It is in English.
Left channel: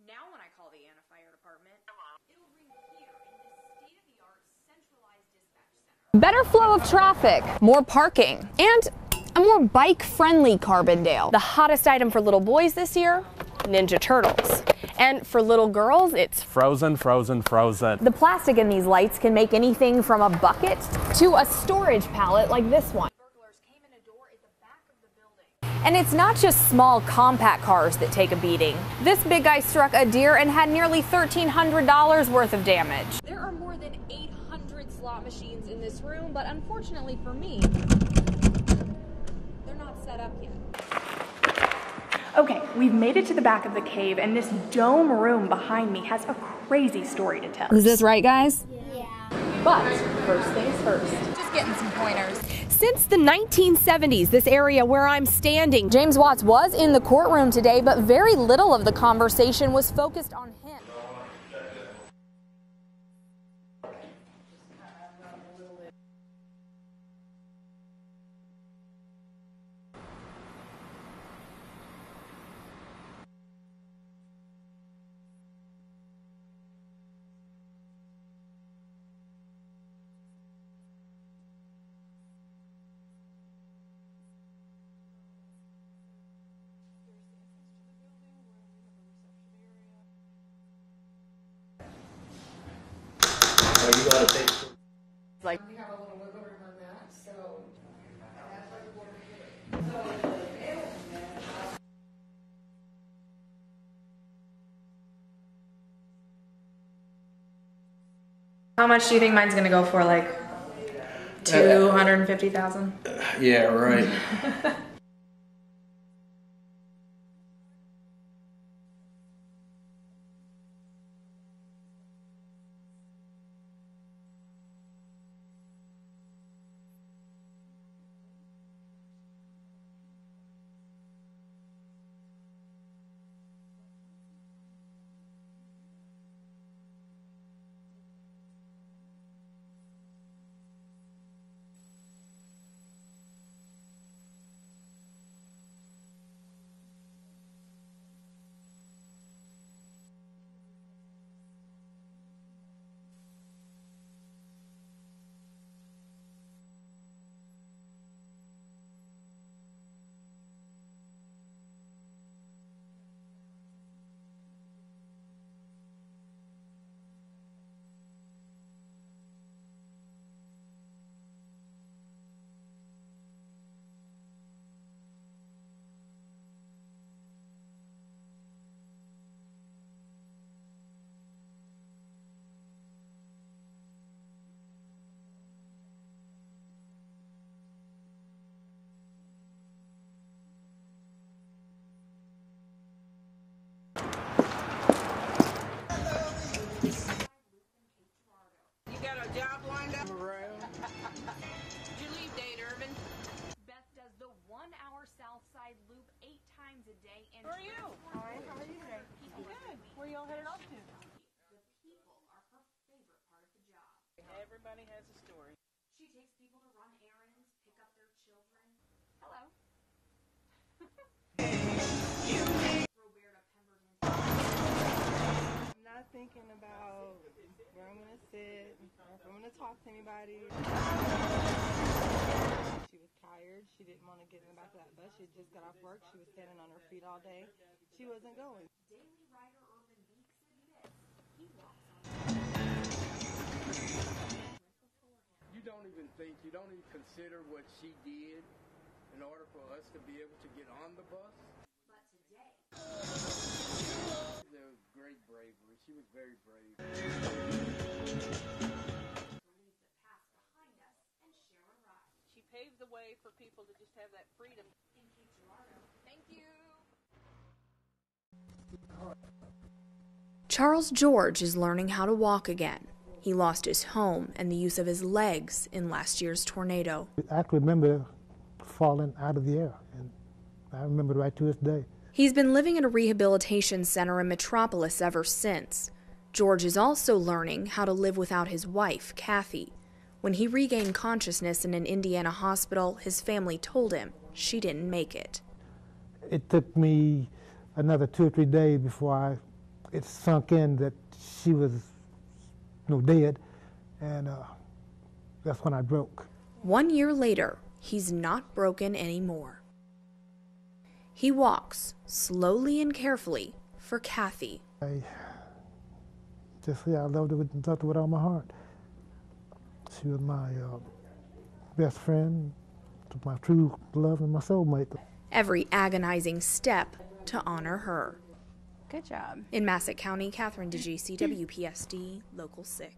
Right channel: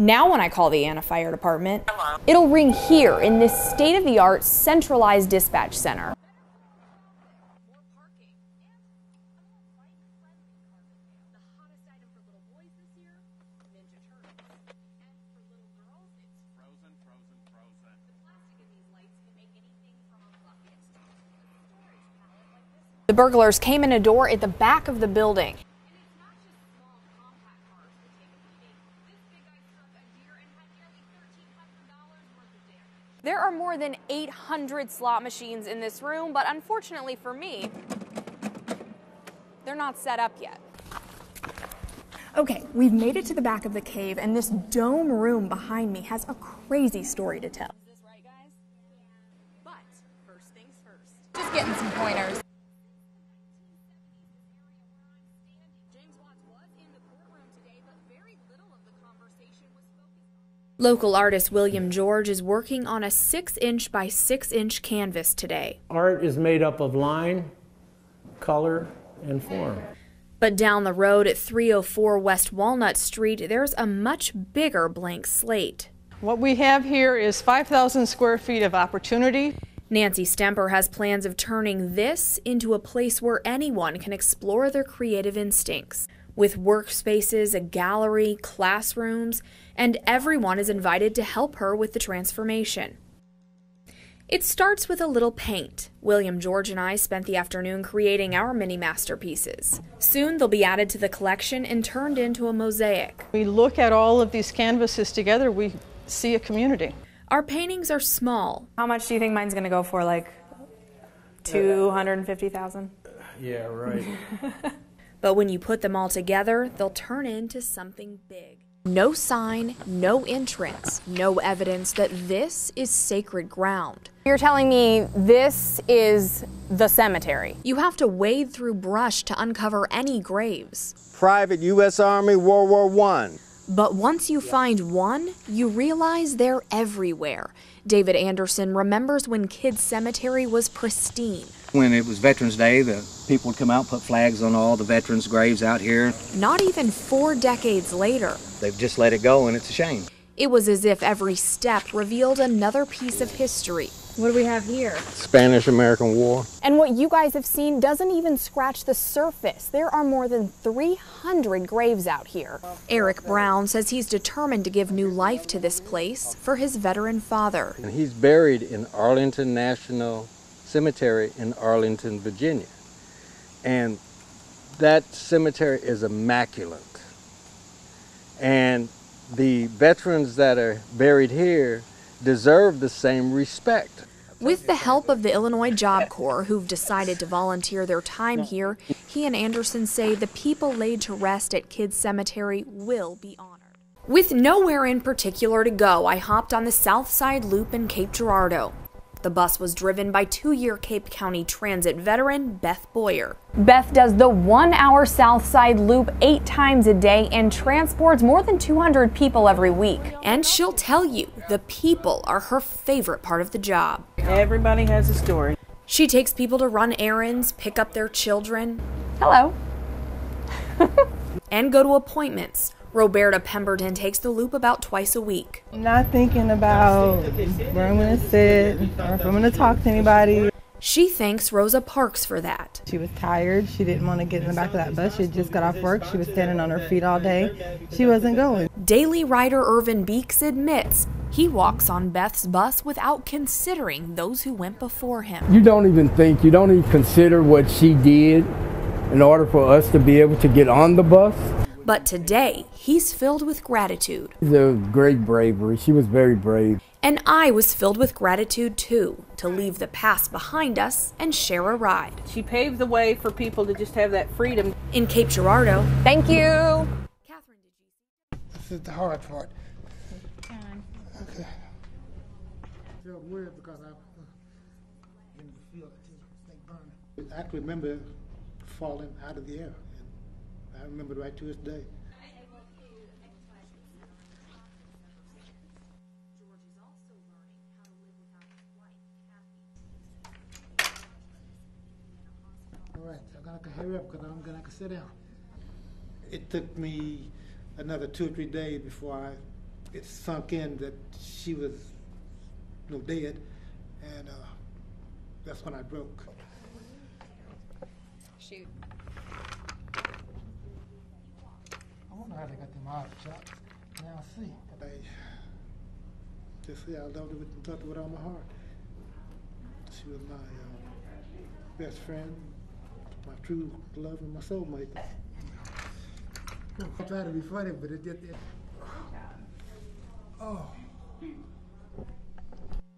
Now when I call the Anna Fire Department, it'll ring here in this state-of-the-art centralized dispatch center. Better flow of traffic, more parking, and a more bike-friendly Carbondale. The hottest item for little boys this year, Ninja Turtles. And for little girls, it's frozen, frozen, frozen. The plastic in these lights can make anything from a bucket to a storage pallet like this one. The burglars came in a door at the back of the building. And it's not just small compact cars that take a beating. This big guy struck a deer and had nearly $1,300 worth of damage. There are more than 800 slot machines in this room, but unfortunately for me, they're not set up yet. Okay, we've made it to the back of the cave, and this dome room behind me has a crazy story to tell. Is this right, guys? Yeah. But first things first, just getting some pointers. Since the 1970s, this area where I'm standing, James Watts was in the courtroom today, but very little of the conversation was focused on him. Local artist William George is working on a 6-inch by 6-inch canvas today. Art is made up of line, color, and form. But down the road at 304 West Walnut Street, there's a much bigger blank slate. What we have here is 5,000 square feet of opportunity. Nancy Stemper has plans of turning this into a place where anyone can explore their creative instincts. With workspaces, a gallery, classrooms, and everyone is invited to help her with the transformation. It starts with a little paint. William George and I spent the afternoon creating our mini masterpieces. Soon they'll be added to the collection and turned into a mosaic. We look at all of these canvases together, we see a community. Our paintings are small. How much do you think mine's gonna go for? Like 250,000? Yeah, right. But when you put them all together, they'll turn into something big. No sign, no entrance, no evidence that this is sacred ground. You're telling me this is the cemetery? You have to wade through brush to uncover any graves. Private U.S. Army, World War I. But once you find one, you realize they're everywhere. David Anderson remembers when Kids Cemetery was pristine. When it was Veterans Day, the people would come out and put flags on all the veterans' graves out here. Not even 4 decades later. They've just let it go, and it's a shame. It was as if every step revealed another piece of history. What do we have here? Spanish-American War. And what you guys have seen doesn't even scratch the surface. There are more than 300 graves out here. Eric Brown says he's determined to give new life to this place for his veteran father. And he's buried in Arlington National Cemetery in Arlington, Virginia. And that cemetery is immaculate. And the veterans that are buried here deserve the same respect. With the help of the Illinois Job Corps, who've decided to volunteer their time here, he and Anderson say the people laid to rest at Kids Cemetery will be honored. With nowhere in particular to go, I hopped on the South Side Loop in Cape Girardeau. The bus was driven by 2-year Cape County Transit veteran Beth Boyer. Beth does the 1-hour South Side Loop 8 times a day and transports more than 200 people every week. And she'll tell you, the people are her favorite part of the job. Everybody has a story. She takes people to run errands, pick up their children. Hello. And go to appointments. Roberta Pemberton takes the loop about twice a week. Not thinking about where I'm going to sit or if I'm going to talk to anybody. She thanks Rosa Parks for that. She was tired. She didn't want to get in the back of that bus. She had just got off work. She was standing on her feet all day. She wasn't going. Daily rider Irvin Beeks admits he walks on Beth's bus without considering those who went before him. You don't even think, you don't even consider what she did in order for us to be able to get on the bus. But today, he's filled with gratitude. It was great bravery. She was very brave. And I was filled with gratitude too, to leave the past behind us and share a ride. She paved the way for people to just have that freedom. In Cape Girardeau. Thank you. This is the hard part. Charles George is learning how to walk again. He lost his home and the use of his legs in last year's tornado. I can remember falling out of the air. I remember right to this day. He's been living at a rehabilitation center in Metropolis ever since. George is also learning how to live without his wife, Kathy. When he regained consciousness in an Indiana hospital, his family told him she didn't make it. It took me another 2 or 3 days before I it sunk in that she was dead, and that's when I broke. 1 year later, he's not broken anymore. He walks slowly and carefully for Kathy. I just say I loved her with all my heart. She was my best friend, my true love, and my soulmate. Every agonizing step to honor her. Good job. In Massac County, Catherine DeGisi, WPSD, Local 6.